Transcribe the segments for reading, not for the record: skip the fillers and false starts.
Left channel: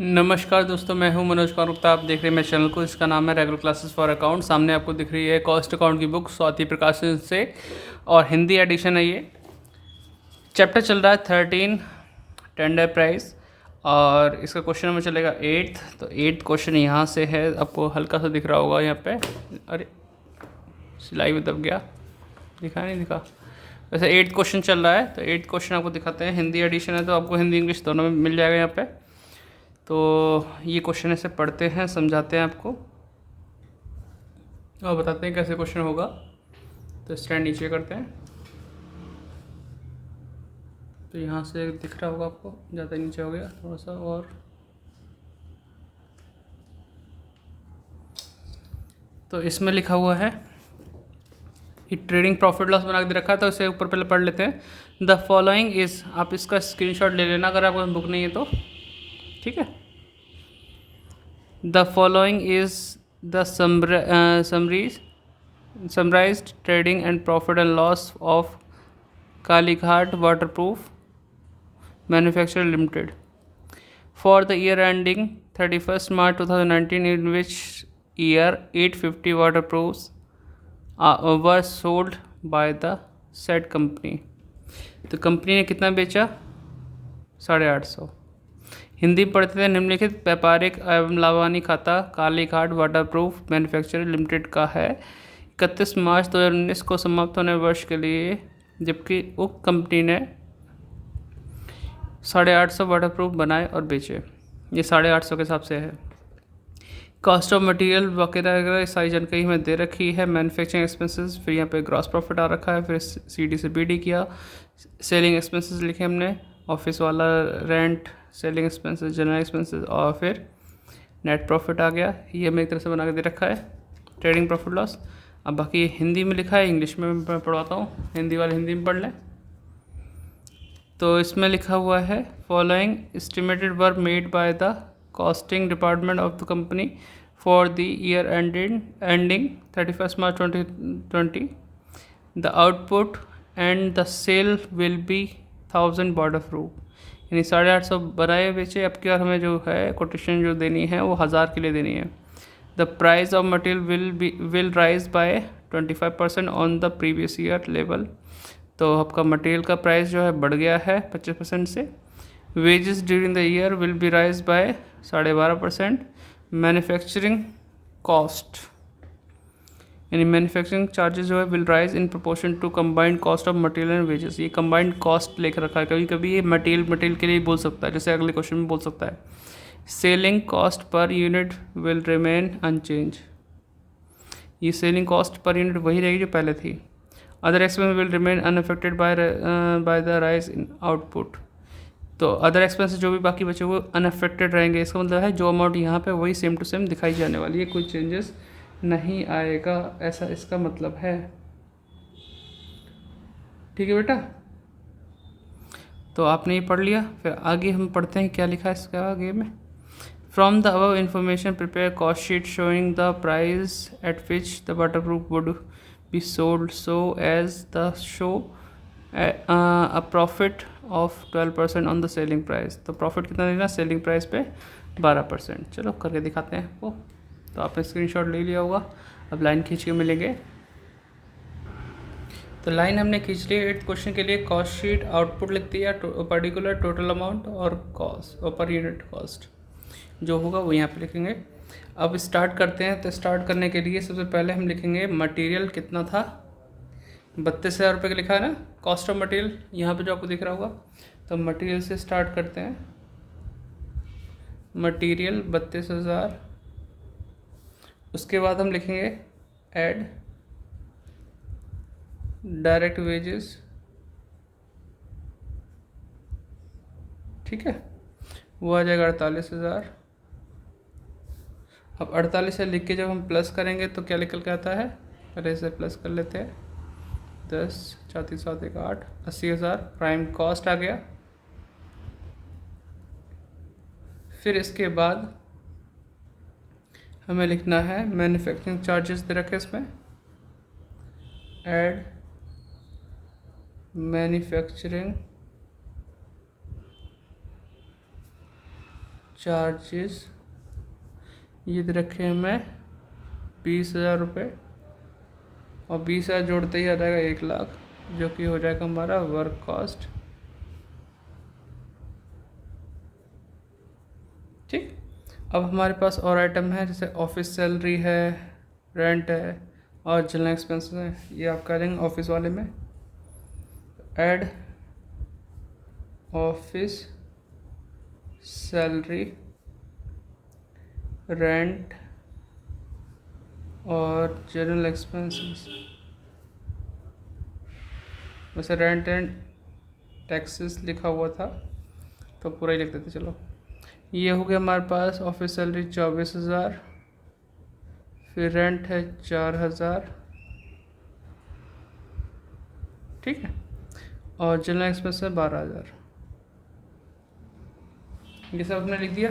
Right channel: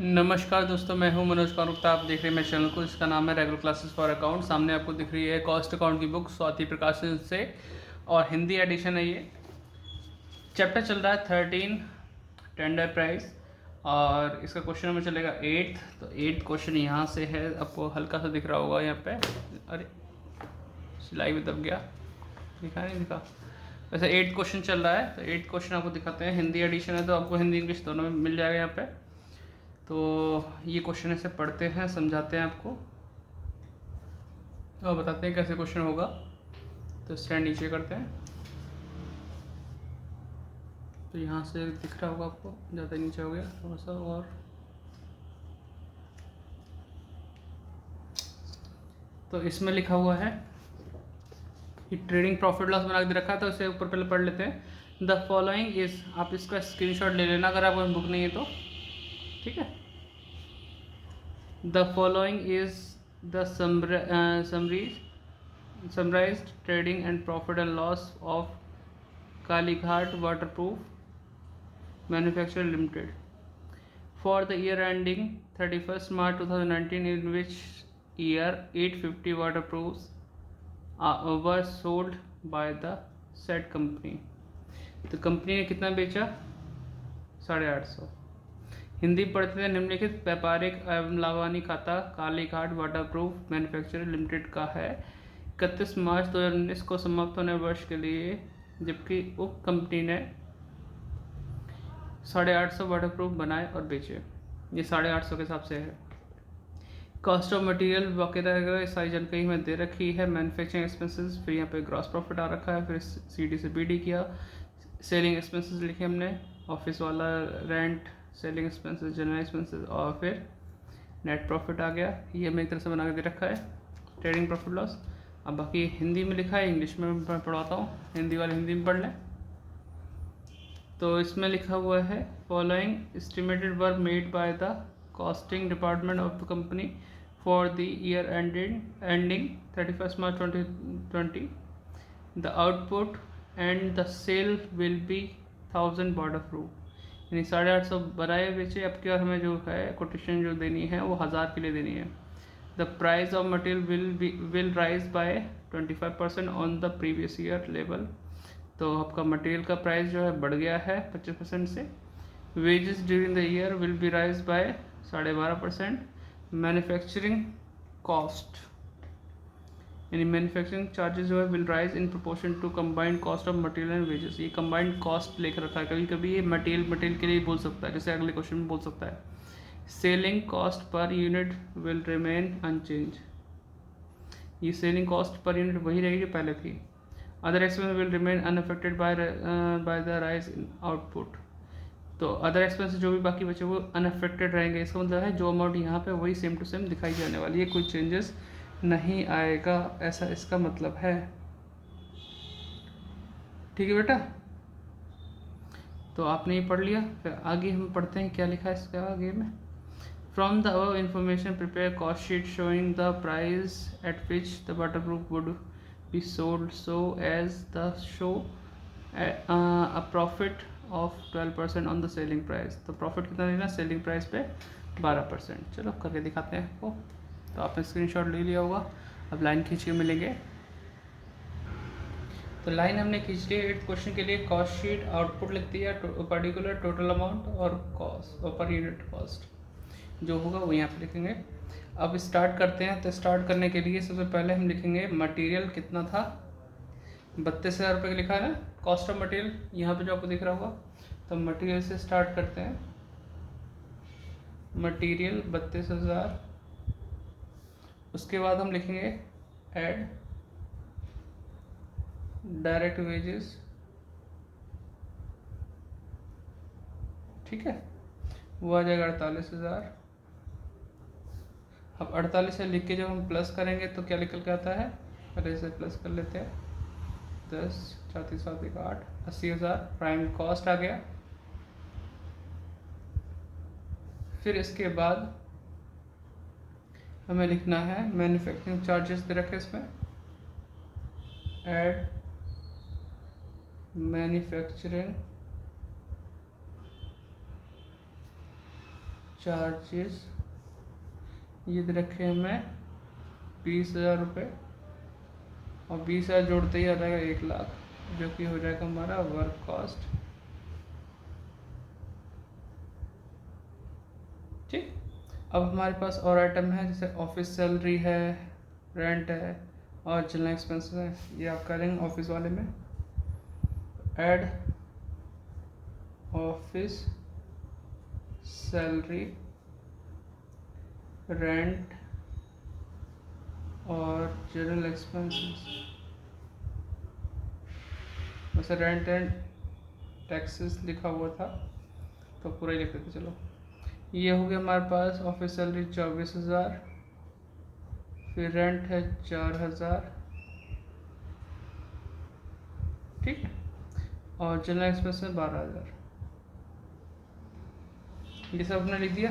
नमस्कार दोस्तों, मैं हूं मनोज कुमार गुप्ता। आप देख रहे हैं मेरे चैनल को। इसका नाम है रेगुलर क्लासेस फॉर अकाउंट। सामने आपको दिख रही है कॉस्ट अकाउंट की बुक स्वाति प्रकाशन से, और हिंदी एडिशन है ये। चैप्टर चल रहा है 13 टेंडर प्राइस, और इसका क्वेश्चन नंबर चलेगा 8th। तो 8th क्वेश्चन यहाँ से है, आपको हल्का सा दिख रहा होगा यहाँ पे। अरे सिलाई में दब गया, दिखा नहीं दिखा। वैसे 8th क्वेश्चन चल रहा है, तो 8th क्वेश्चन आपको दिखाते हैं। हिंदी एडिशन है तो आपको हिंदी इंग्लिश दोनों में मिल जाएगा यहाँ पे। तो ये क्वेश्चन ऐसे पढ़ते हैं, समझाते हैं आपको और बताते हैं कैसे क्वेश्चन होगा। तो स्टैंड नीचे करते हैं, तो यहाँ से दिख रहा होगा आपको, ज़्यादा नीचे हो गया थोड़ा सा। और तो इसमें लिखा हुआ है कि ट्रेडिंग प्रॉफिट लॉस बना के दे रखा है, तो इसे ऊपर पहले पढ़ लेते हैं। द फॉलोइंग इज़, आप इसका स्क्रीनशॉट ले लेना अगर आपको बुक नहीं है तो, ठीक है। The following is the summarised trading and profit and loss of Kalighat waterproof manufacturer limited for the year ending 31st March 2019, in which year 850 waterproofs were sold by the said company। तो company ने कितना बेचा? 850। हिंदी पढ़ते थे। निम्नलिखित व्यापारिक एवं लाभानी खाता कालीघाट वाटरप्रूफ मैन्युफैक्चरर लिमिटेड का है 31 मार्च 2019 को समाप्त होने वर्ष के लिए, जबकि उक्त कंपनी ने 850 वाटरप्रूफ बनाए और बेचे। ये 850 के हिसाब से है। कॉस्ट ऑफ मटेरियल वगैरह वगैरह सारी जानकारी हमें दे रखी है। मैन्युफैक्चरिंग एक्सपेंसेस, फिर यहाँ पे ग्रॉस प्रॉफिट आ रखा है, फिर सीडी से बीडी किया। सेलिंग एक्सपेंसेस लिखे हमने, ऑफिस वाला rent, selling expenses, general expenses, और फिर नेट प्रॉफिट आ गया। ये हमें एक तरह से बना के दे रखा है ट्रेडिंग प्रॉफिट लॉस। अब बाकी हिंदी में लिखा है, इंग्लिश में मैं पढ़वाता हूँ, हिंदी वाले हिंदी में पढ़ लें। तो इसमें लिखा हुआ है following estimated were made by the costing department of the company for the year ending 31st March 2020। The output and the sale will be 1000 waterproof. यानी 850 बनाए बेचे। अब की बार हमें जो है कोटेशन जो देनी है वो 1000 के लिए देनी है। The price of material will rise by 25% on the previous year level. तो आपका मटेरियल का प्राइस जो है बढ़ गया है 25% से। Wages during the year will be rise by 12.5%। Manufacturing cost, यानी मैन्युफैक्चरिंग चार्जेस जो है will rise in proportion to combined cost of material and wages. ये कंबाइंड कॉस्ट लेकर रखा है, कभी कभी ये मटेरियल के लिए बोल सकता है, जैसे अगले क्वेश्चन में बोल सकता है। Selling cost per unit will remain unchange. ये सेलिंग कॉस्ट पर यूनिट वही रहेगी जो पहले थी। Other expense will remain unaffected by the rise in output. तो अदर एक्सपेंसेस जो भी बाकी बचे वो अनअफेक्टेड रहेंगे। इसका मतलब है जो अमाउंट यहाँ पे वही सेम टू सेम दिखाई जाने वाली है, कोई चेंजेस नहीं आएगा, ऐसा इसका मतलब है। ठीक है बेटा, तो आपने ये पढ़ लिया। फिर आगे हम पढ़ते हैं क्या लिखा है इसका आगे में। From the above information prepare cost sheet showing the price at which the waterproof would be sold so as the show a profit of 12% on the selling price। तो प्रॉफिट कितना देना सेलिंग प्राइस पे? 12%। चलो करके दिखाते हैं आपको। तो आपने स्क्रीनशॉट ले लिया होगा, अब लाइन खींच के मिलेंगे। तो लाइन हमने खींच ली 8th क्वेश्चन के लिए। कॉस्ट शीट आउटपुट लिख दिया, पर्टिकुलर टोटल अमाउंट और कॉस्ट और पर यूनिट कॉस्ट जो होगा वो यहाँ पे लिखेंगे। अब स्टार्ट करते हैं। तो स्टार्ट करने के लिए सबसे पहले हम लिखेंगे मटेरियल कितना था, 32,000 रुपये का लिखा है ना, कॉस्ट ऑफ मटेरियल यहाँ पे जो आपको दिख रहा होगा। तो मटेरियल से स्टार्ट करते हैं। मटेरियल 32,000। उसके बाद हम लिखेंगे ऐड डायरेक्ट वेजेस, ठीक है, वो आ जाएगा 48,000। अब 48 से लिख के जब हम प्लस करेंगे तो क्या निकल के आता है, पहले से प्लस कर लेते हैं। 10 34 7 1 8 80,000 प्राइम कॉस्ट आ गया। फिर इसके बाद हमें लिखना है मैन्युफैक्चरिंग चार्जेस दे रखे इसमें, ऐड मैन्युफैक्चरिंग चार्जेस ये दे रखे हैं मैं 20,000 रुपये, और 20,000 जोड़ते ही आ जाएगा 1,00,000, जो कि हो जाएगा हमारा वर्क कॉस्ट। ठीक। अब हमारे पास और आइटम है, जैसे ऑफिस सैलरी है, रेंट है और जनरल एक्सपेंसेस है। ये आप करेंगे ऑफिस वाले में ऐड ऑफिस सैलरी, रेंट और जनरल एक्सपेंसेस। वैसे रेंट एंड टैक्सेस लिखा हुआ था तो पूरा ही लिख देते। चलो, ये हो गया हमारे पास ऑफिस सैलरी 24,000, फिर रेंट है 4,000, ठीक है, और जनरल एक्सपेंस है 12,000। ये सब अपने लिख दिया।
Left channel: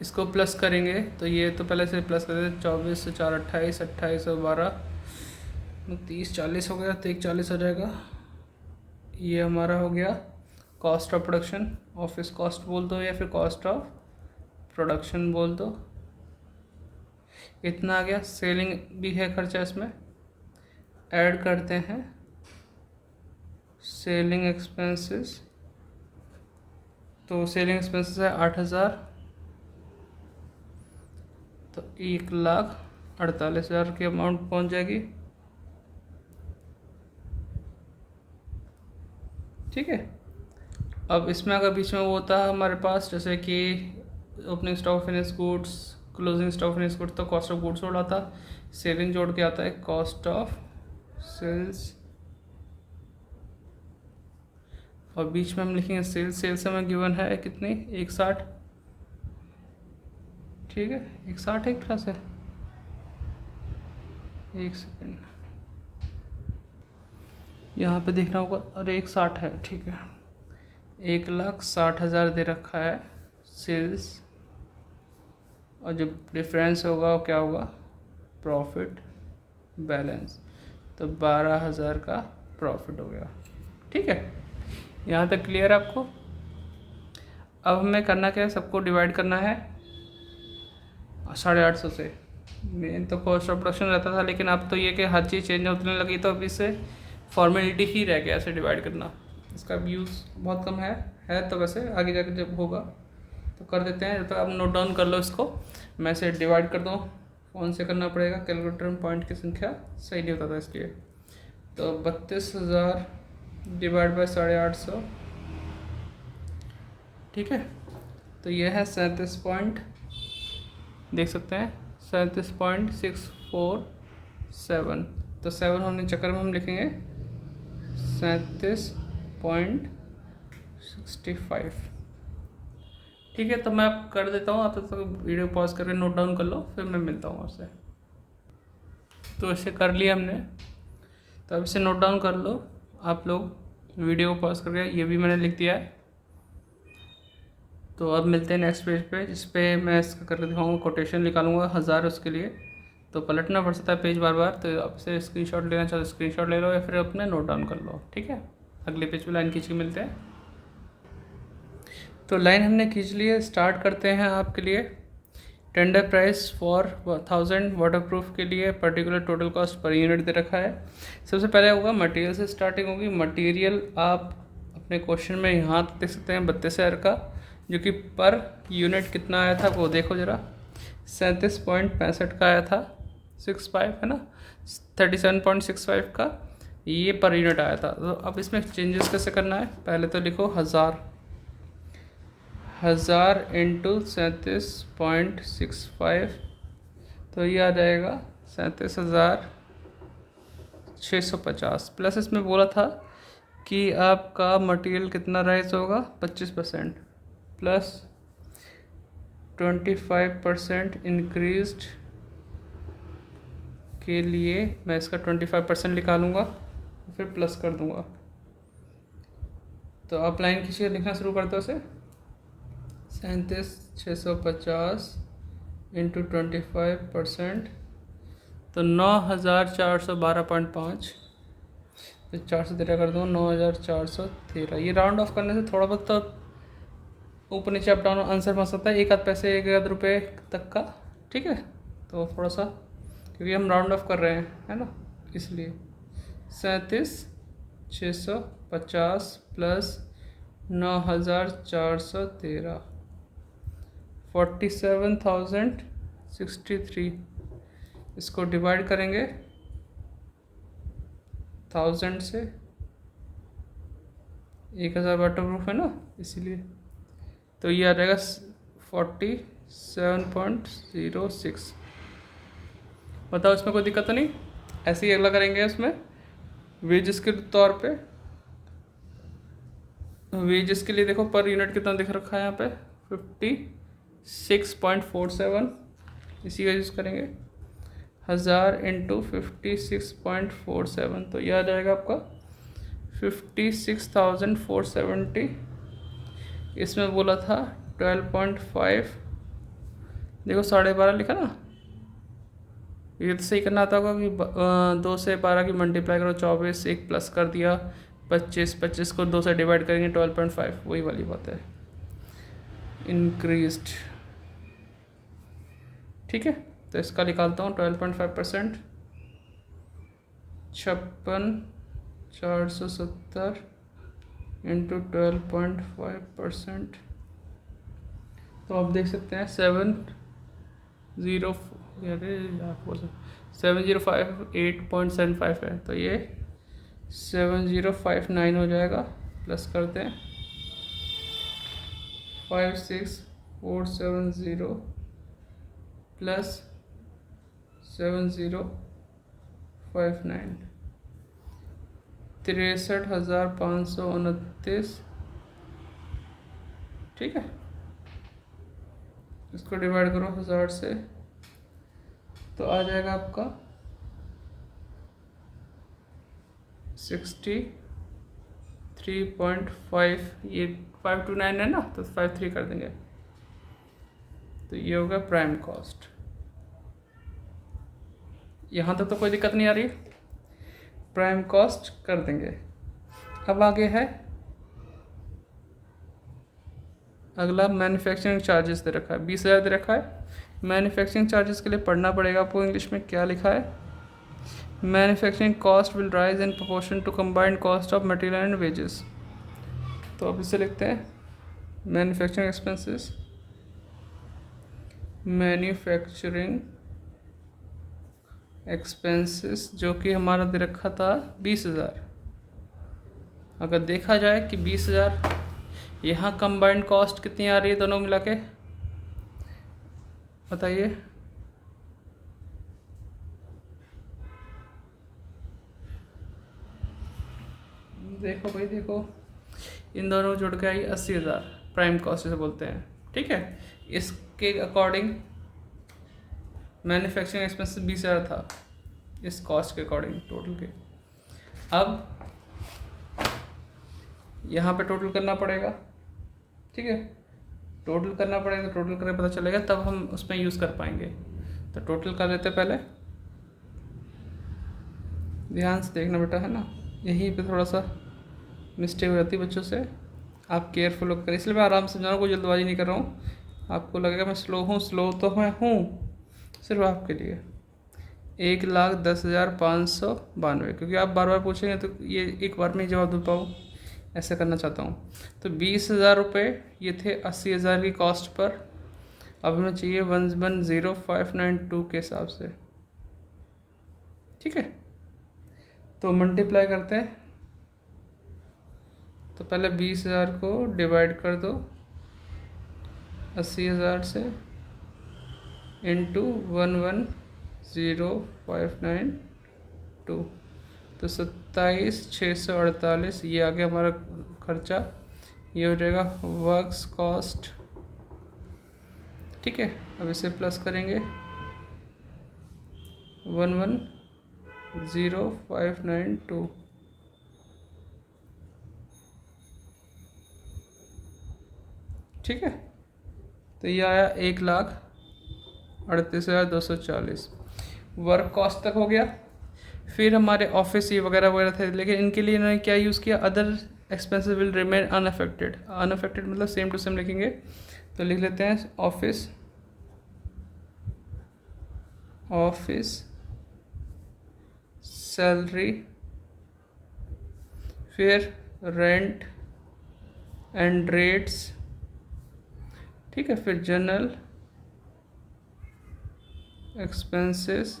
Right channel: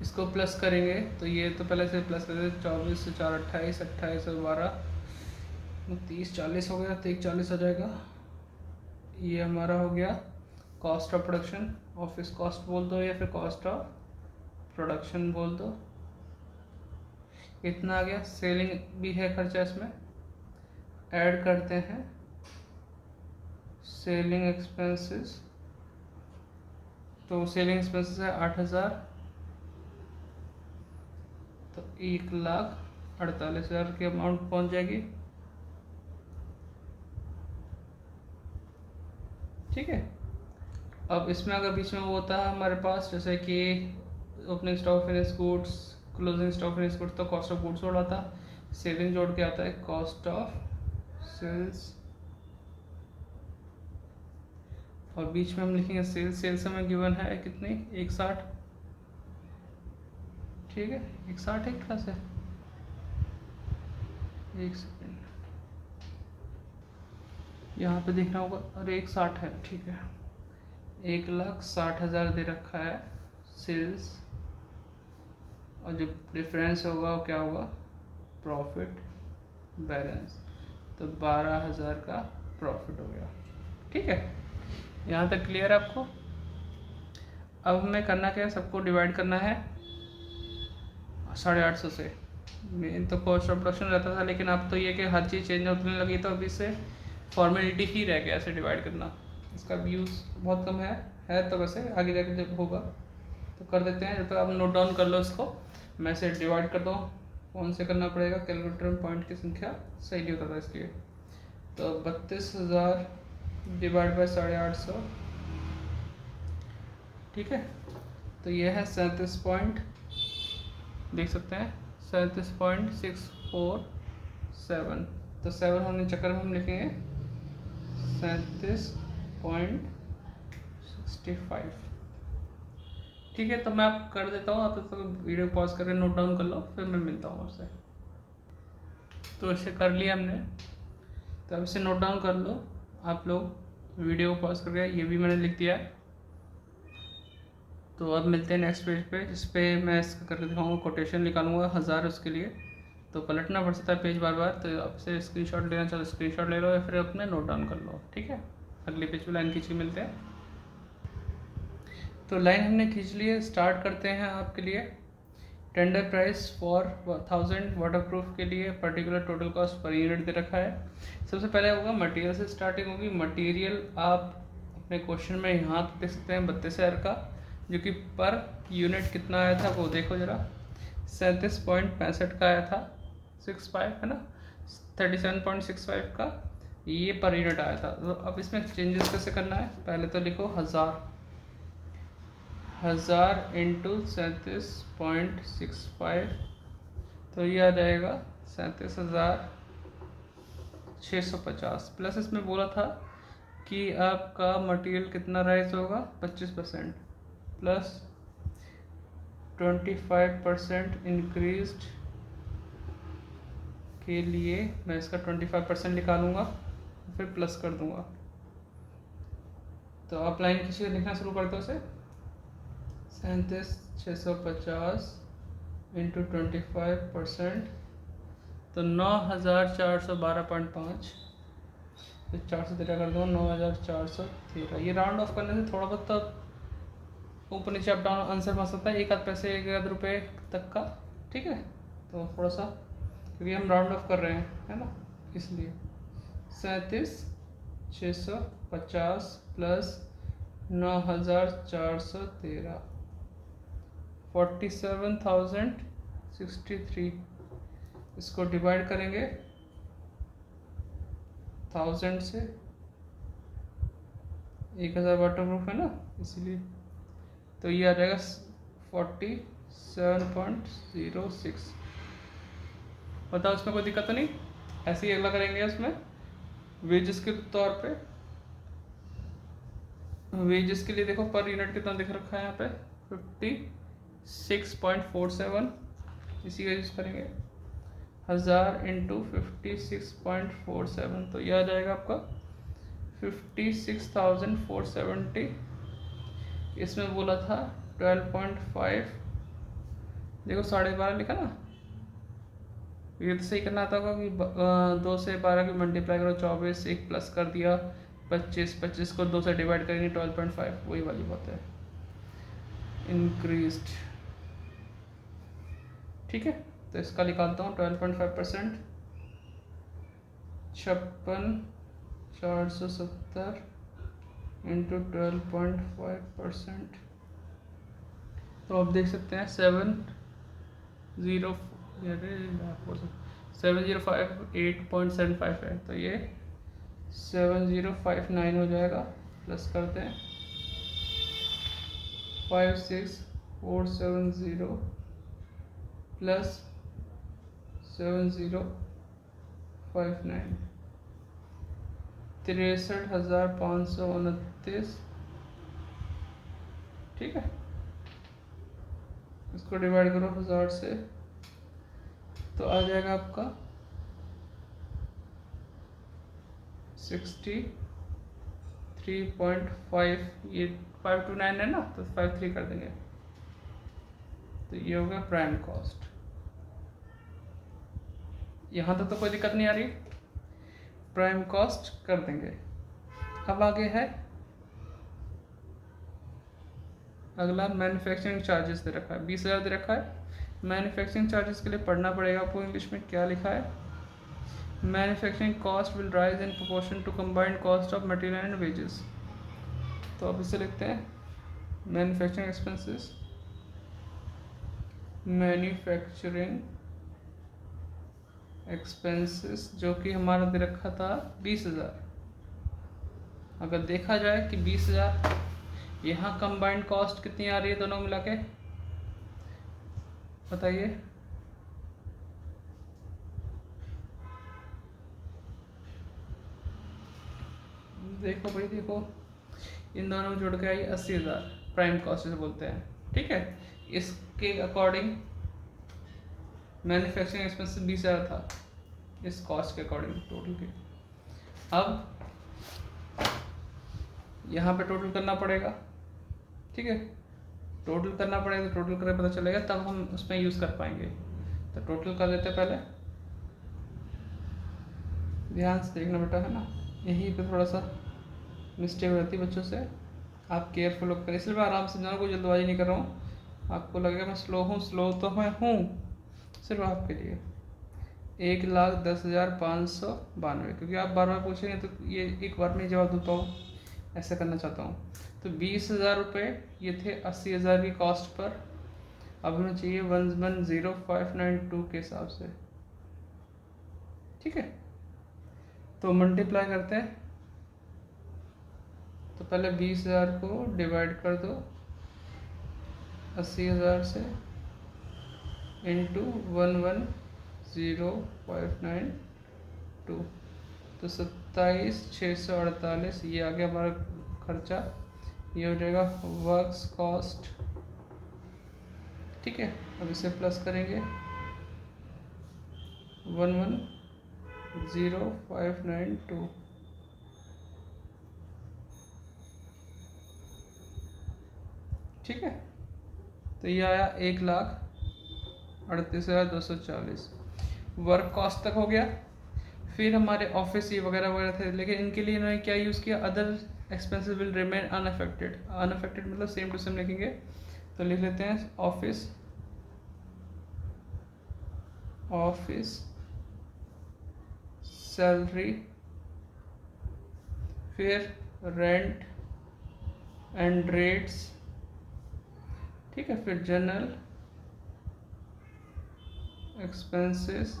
इसको प्लस करेंगे तो ये तो पहले से प्लस कर देते, 24 से 4 28, 28 और 12 30 40 हो गया, तो 40 आ जाएगा। ये हमारा हो गया cost of production, office cost बोल दो या फिर कॉस्ट ऑफ प्रोडक्शन बोल दो। इतना आ गया। सेलिंग भी है खर्चा इसमें, ऐड करते हैं सेलिंग एक्सपेंसेस। तो सेलिंग एक्सपेंसेस है 8,000, तो 1,48,000 की अमाउंट पहुंच जाएगी। ठीक है। अब इसमें अगर बीच में वो होता है हमारे पास, जैसे कि opening stock finish goods, closing stock finish goods, तो कॉस्ट ऑफ गुड्स जोड़ा था, सेलिंग जोड़ के आता है कॉस्ट ऑफ सेल्स, और बीच में हम लिखेंगे सेल्स। सेल्स हमें गिवन है कितनी, 160, ठीक है, 160 एक तरह से। एक सेकेंड, यहाँ पे देखना होगा, अरे 160 है, ठीक है। 1,60,000 दे रखा है सेल्स, और जो डिफरेंस होगा वो क्या होगा, प्रॉफिट बैलेंस, तो 12,000 का प्रॉफिट हो गया। ठीक है, यहाँ तक क्लियर आपको। अब हमें करना क्या है, सबको डिवाइड करना है 850 से। मेन तो कॉस्ट ऑफ प्रोडक्शन रहता था, लेकिन अब तो ये कि हर चीज़ चेंज होने लगी, तो अब इससे फॉर्मेलिटी ही रह गया ऐसे डिवाइड करना। इसका यूज़ बहुत कम है तो वैसे आगे जाकर जब होगा तो कर देते हैं। जब तक आप नोट डाउन कर लो इसको, मैं से डिवाइड कर दूँ, कौन से करना पड़ेगा, कैलकुलेटर में पॉइंट की संख्या सही नहीं होता था इसलिए। तो 32,000 डिवाइड बाई 850, ठीक है, तो ये है 37 पॉइंट, देख सकते हैं 37.647। तो 7 होने के चक्कर में हम लिखेंगे 37.65। ठीक है, तो मैं आप कर देता हूँ, आप तो वीडियो पॉज करके नोट डाउन कर लो, फिर मैं मिलता हूँ आपसे। तो इसे कर लिया हमने, तो अब इसे नोट डाउन कर लो आप लोग, वीडियो को पॉज करके। ये भी मैंने लिख दिया है। तो अब मिलते हैं नेक्स्ट पेज पे, जिस पे मैं इसका करके दिखाऊंगा, कोटेशन निकालूंगा 1000 उसके लिए। तो पलटना पड़ सकता है पेज बार बार, तो आपसे स्क्रीनशॉट लेना चाहो स्क्रीनशॉट ले लो, या फिर अपने नोट डाउन कर लो। ठीक है, अगले पेज पे लाइन खींच के मिलते हैं। तो लाइन हमने खींच ली है, स्टार्ट करते हैं आपके लिए। टेंडर प्राइस फॉर 1000 वाटरप्रूफ के लिए particular total cost per unit दे रखा है। सबसे पहले होगा मटेरियल से स्टार्टिंग होगी। मटेरियल आप अपने क्वेश्चन में यहाँ देख सकते हैं 32,000 का, जो कि पर यूनिट कितना आया था वो देखो ज़रा, 37.65 का आया था, 65 है ना, 37.65 का ये पर यूनिट आया था। तो अब इसमें चेंजेस कैसे करना है, पहले तो लिखो 1000 इंटू 37.65, तो ये आ जाएगा 37,650। प्लस इसमें बोला था कि आपका मटेरियल कितना राइज होगा, 25%, प्लस 25% इंक्रीज्ड के लिए मैं इसका 25% निकालूंगा, फिर प्लस कर दूंगा। तो आप लाइन खींचिए, लिखना शुरू कर दो इसे। 37,650 इंटू 25%, तो 9,412.5, तो 4 से 13 कर दूँ, 9,413। ये राउंड ऑफ करने से थोड़ा बहुत तो ऊपर नीचे अप डाउन आंसर बन सकता है 1 आध पैसे 1 आध रुपये तक का, ठीक है। तो थोड़ा सा क्योंकि हम राउंड ऑफ कर रहे हैं, है ना, इसलिए 37,650 प्लस 9,413 47,063। इसको डिवाइड करेंगे 1000 से, 1000 वाटर प्रूफ है ना, इसीलिए। तो ये आ जाएगा 47.06। बताओ इसमें कोई दिक्कत तो नहीं? ऐसे ही अगला करेंगे उसमें वेजेस के तौर पे। वेजेस के लिए देखो पर यूनिट कितना दिख रखा है यहाँ पे 56.47, इसी का यूज़ करेंगे 1000 इंटू 56.47, तो यह आ जाएगा आपका 56,470। इसमें बोला था 12.5, देखो 12.5 लिखा ना, ये तो सही करना था कि 2 से 12 की मल्टीप्लाई करो 24, एक प्लस कर दिया 25, 25 को 2 से डिवाइड करेंगे 12.5, वही वाली बात है, इंक्रीज्ड, ठीक है। तो इसका निकालता हूँ 12.5%, 56,470 इंटू 12.5%, तो आप देख सकते हैं 7,058.75 है, तो ये 7,059 हो जाएगा। प्लस करते हैं 56,470 प्लस 7,059, 63,529, ठीक है। इसको डिवाइड करो 1000 से, तो आ जाएगा आपका 63.5, ये 529 है ना, तो 53 कर देंगे, तो ये होगा प्राइम कॉस्ट। यहाँ तक तो कोई दिक्कत नहीं आ रही, प्राइम कॉस्ट कर देंगे। अब आगे है अगला मैन्युफैक्चरिंग चार्जेस दे रखा है 20,000 दे रखा है। मैन्युफैक्चरिंग चार्जेस के लिए पढ़ना पड़ेगा आपको, इंग्लिश में क्या लिखा है, manufacturing cost will rise in proportion to combined cost of material and wages. तो अब इसे लिखते हैं मैन्युफैक्चरिंग एक्सपेंसेस, मैन्युफैक्चरिंग एक्सपेंसेस जो कि हमारा दे रखा था 20,000। अगर देखा जाए कि 20,000, यहाँ कंबाइंड कॉस्ट कितनी आ रही है दोनों मिला के, बताइए। देखो भाई देखो, इन दोनों जोड़ के आई 80,000, प्राइम कॉस्ट से बोलते हैं, ठीक है। इसके अकॉर्डिंग मैन्युफैक्चरिंग एक्सपेंसेस 20,000 था इस कॉस्ट के अकॉर्डिंग टोटल के। अब यहाँ पे टोटल करना पड़ेगा, ठीक है, टोटल करना पड़ेगा, तो टोटल करके पता चलेगा, तब हम उसमें यूज़ कर पाएंगे। तो टोटल कर देते पहले, ध्यान से देखना बेटा, है ना, यहीं पे थोड़ा सा मिस्टेक हो जाती है बच्चों से, आप केयरफुल होकर, इसलिए मैं आराम से समझा रहा हूँ, कोई जल्दबाजी नहीं कर रहा हूँ। आपको लगेगा मैं स्लो हूँ, स्लो तो मैं हूँ सिर्फ आपके लिए। 1,10,592, क्योंकि आप बार बार पूछेंगे तो ये एक बार में ही जवाब दे पाऊँ, ऐसा करना चाहता हूँ। तो 20,000 रुपये ये थे 80,000 की कॉस्ट पर, अब हमें चाहिए 1,10,592 के हिसाब से, ठीक है। तो मल्टीप्लाई करते हैं, तो पहले 20,000 को डिवाइड कर दो 80,000 से इंटू 1,10,592, तो 27,648, ये आ गया हमारा खर्चा, ये हो जाएगा वर्क्स कॉस्ट, ठीक है। अब इसे प्लस करेंगे 11,0592, ठीक है। तो ये आया 1,38,240, वर्क कॉस्ट तक हो गया। फिर हमारे ऑफिस ये वगैरह वगैरह थे, लेकिन इनके लिए इन्होंने क्या यूज़ किया, other expenses will remain unaffected. Unaffected मतलब सेम टू सेम लिखेंगे, तो लिख लेते हैं ऑफिस सैलरी, फिर रेंट एंड रेट्स, ठीक है, फिर जनरल एक्सपेंसेस।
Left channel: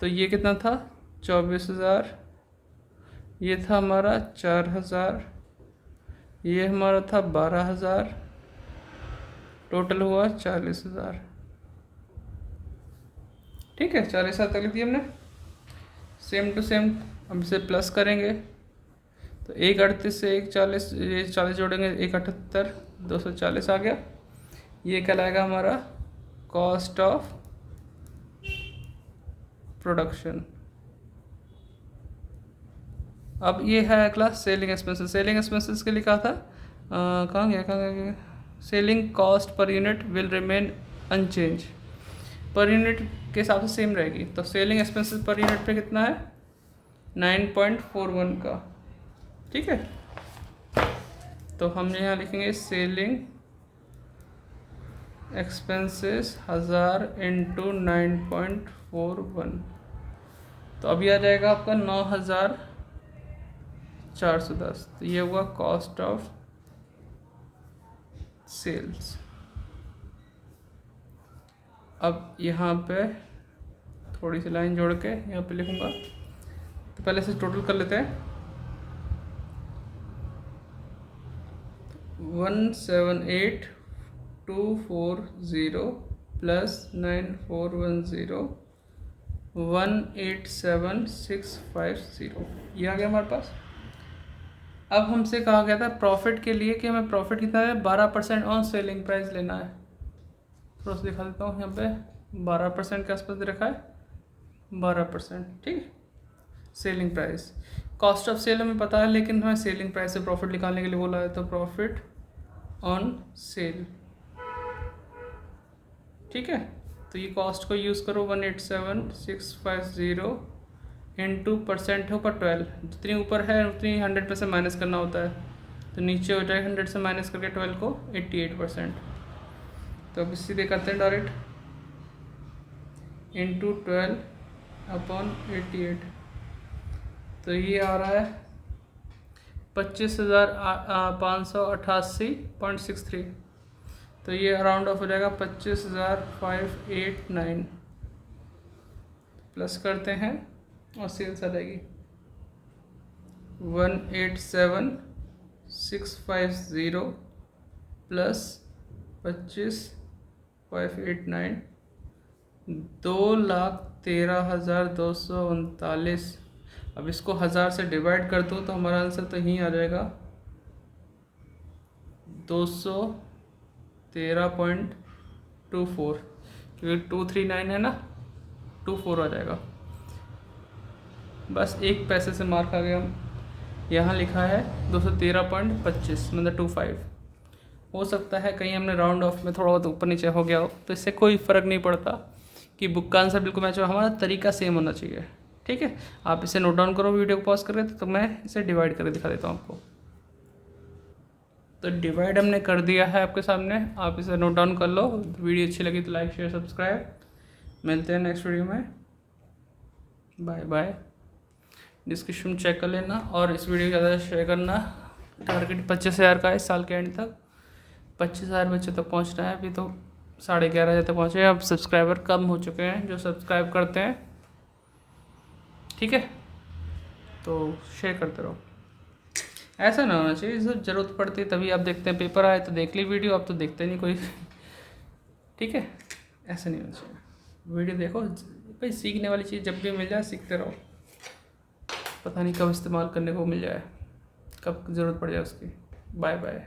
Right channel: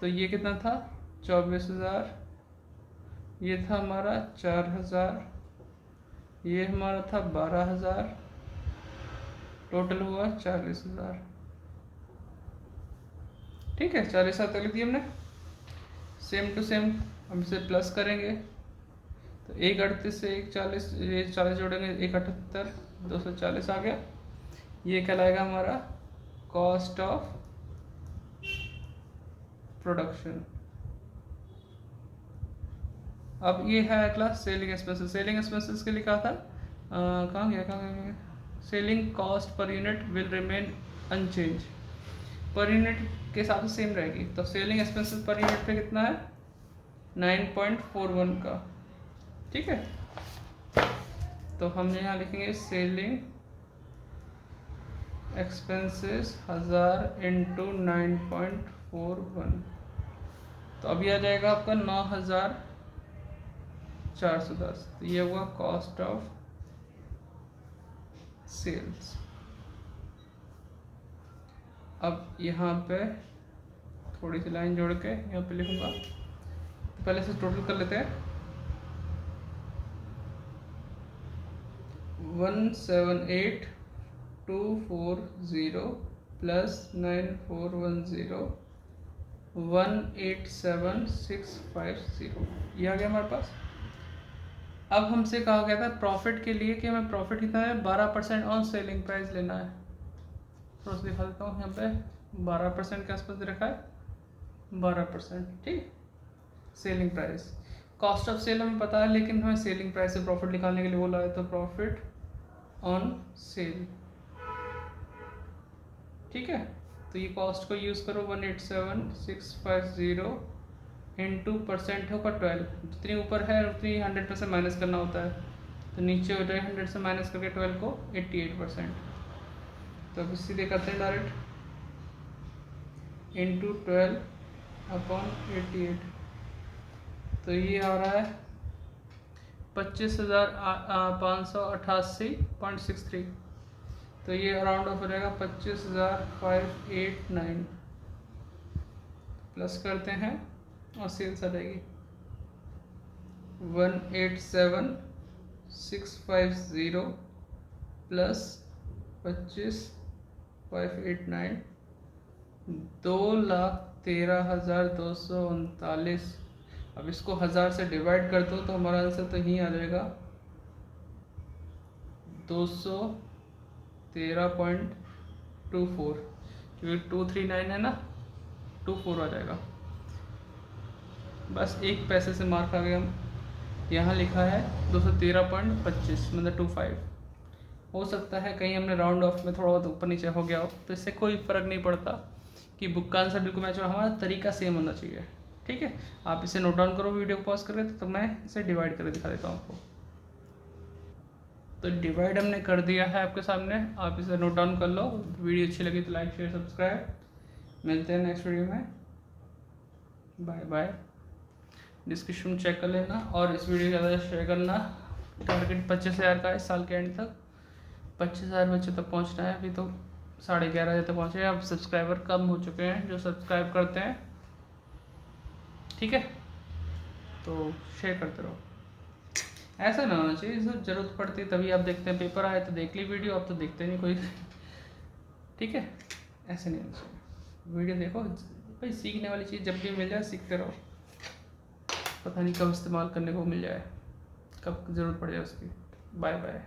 तो ये कितना था 24,000, ये था हमारा 4,000, ये हमारा था 12,000, टोटल हुआ 40,000। ठीक है, 40,000 लिख दिया हमने। सेम टू सेम हम इसे प्लस करेंगे, तो 138 से 140, ये 40 जोड़ेंगे 178, 240 आ गया। ये कहलाएगा हमारा कॉस्ट ऑफ प्रोडक्शन। अब ये है अगला सेलिंग एक्सपेंसेस। सेलिंग एक्सपेंसेस के लिए कहा था, कहाँ गया, selling cost per unit will remain unchange, per unit के हिसाब से सेम रहेगी। तो सेलिंग एक्सपेंसेस पर यूनिट पे कितना है 9.41 का, ठीक है। तो हम यहाँ लिखेंगे सेलिंग एक्सपेंसेस 1000 इंटू 9.41, तो अभी आ जाएगा आपका 9,410। तो ये हुआ कॉस्ट ऑफ सेल्स। अब यहाँ पे थोड़ी सी लाइन जोड़ के यहाँ पे लिखूँगा, तो पहले से टोटल कर लेते हैं। 178,240 प्लस 9,410 187,650, ये आ गया हमारे पास। अब हमसे कहा गया था प्रॉफिट के लिए कि हमें प्रॉफिट कितना है 12% ऑन सेलिंग प्राइस लेना है। थोड़ा सा दिखा देता हूँ, यहाँ पे 12% के आसपास रखा है, 12%, ठीक। Selling price, cost of sale हमें पता है, लेकिन हमें सेलिंग प्राइस से प्रॉफिट निकालने के लिए बोला है, तो प्रॉफिट ऑन सेल, ठीक है। तो ये कॉस्ट को यूज़ करो 187,650 इंटू परसेंट होगा 12, जितनी ऊपर है उतनी 100 से माइनस करना होता है, तो नीचे हो जाएगा 100 से माइनस करके 12 को 88%। तो अब सीधे करते हैं डायरेक्ट, इंटू 12/88, तो ये आ रहा है 25,588.63, तो ये राउंड ऑफ हो जाएगा 25,589, प्लस करते हैं और सेल्स आ जाएगी 187,650 प्लस 25,589, 2,13,239। अब इसको 1000 से डिवाइड कर दो तो हमारा आंसर तो यहीं आ जाएगा 213.24, क्योंकि 239 है ना, 24 आ जाएगा। बस एक पैसे से मार्क आ गया। यहाँ लिखा है 213.25 मतलब 25। हो सकता है कहीं हमने राउंड ऑफ में थोड़ा बहुत ऊपर नीचे हो गया हो, तो इससे कोई फ़र्क नहीं पड़ता कि बुक का आंसर बिल्कुल मैच हो, हमारा तरीका सेम होना चाहिए, ठीक है। आप इसे नोट डाउन करो वीडियो को पॉज करके, तो मैं इसे डिवाइड करके दिखा देता हूँ आपको। तो डिवाइड हमने कर दिया है आपके सामने, आप इसे नोट डाउन कर लो। वीडियो अच्छी लगी तो लाइक शेयर सब्सक्राइब, मिलते हैं नेक्स्ट वीडियो में, बाय बाय। डिस्क्रिप्शन चेक कर लेना और इस वीडियो को ज़्यादा शेयर करना। टारगेट 25,000 का है इस साल के एंड तक, 25,000 बच्चों तक पहुंचना है। अभी तो 11,500 तक पहुँचे हैं, अब सब्सक्राइबर कम हो चुके हैं जो सब्सक्राइब करते हैं, ठीक है। तो शेयर करते रहो, ऐसा ना होना चाहिए जब ज़रूरत पड़ती है तभी आप देखते हैं, पेपर आए तो देख ली वीडियो, अब तो देखते नहीं कोई, ठीक है। ऐसा नहीं होना चाहिए, वीडियो देखो भाई, सीखने वाली चीज़ जब भी मिल जाए सीखते रहो, पता नहीं कब इस्तेमाल करने को मिल जाए, कब ज़रूरत पड़ जाए उसकी। Bye bye.